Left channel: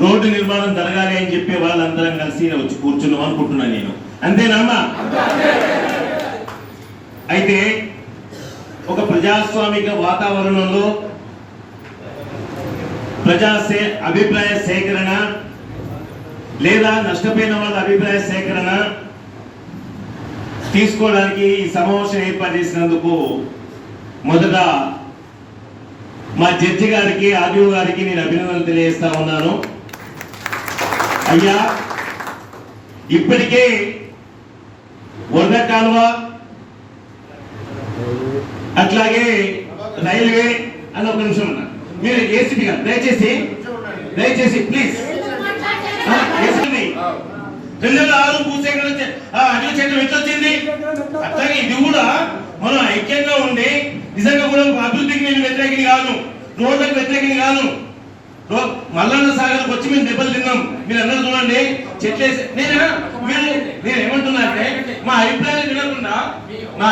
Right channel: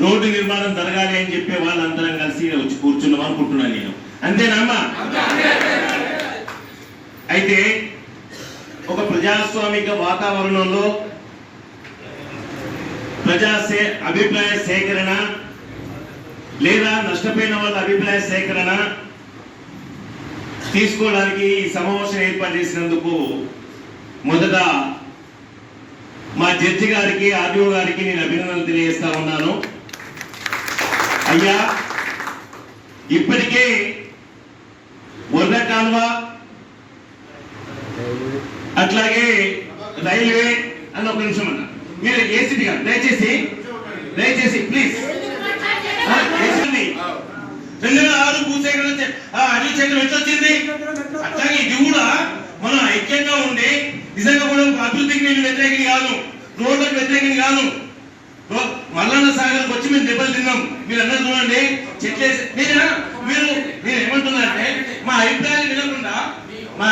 Road నిర్మాణం జరగాలి అని చెప్పి వాళ్ళందరం కలిసి వచ్చి కూర్చున్నాం అనుకుంటున్నాను నేను. అంతేనమ్మా? అయితే ఒక ప్రజాస్వామిక వాతావరణంలో అభిప్రాయ సేకరణ లేదా నష్టపోయిన వాళ్ళ అభిప్రాయ సేకరణ తీసుకోవడానికి ఈ సమావేశం ఏర్పాటు చేసినందుకు మొదట మా జడ్జి గారికి, ఆర్డీఓ గారికి నేను అభినందనలు తెలియజేస్తా ఉన్నాను. అయ్యా, ఇప్పటికే వంద కాలువ అట్లాగే రైల్వే అని ఒక నిమిషం అన్న, మీరు ఏసీపీ గారు దయచేసి ప్లీజ్ 2006 భూసేకరణ అన్ని చెట్లు ఎట్లొచ్చింది, అట్లాగే ఇది కూడా మనం ఐక్యంగా ఉండి నిజంగా కూడా అభివృద్ధికి నేను వ్యతిరేకిని కాదు, రోడ్లకు వ్యతిరేకిని కాదు. మల్లన్న సాగర్కి వచ్చి మేము దెబ్బలు తిన్నాం, మీరు అందరూ చూడండి చెట్లేసి. మీరు ఏమంటున్నా అంటే మా అభిప్రాయాలు వినకుండా మా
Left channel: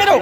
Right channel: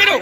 మీరు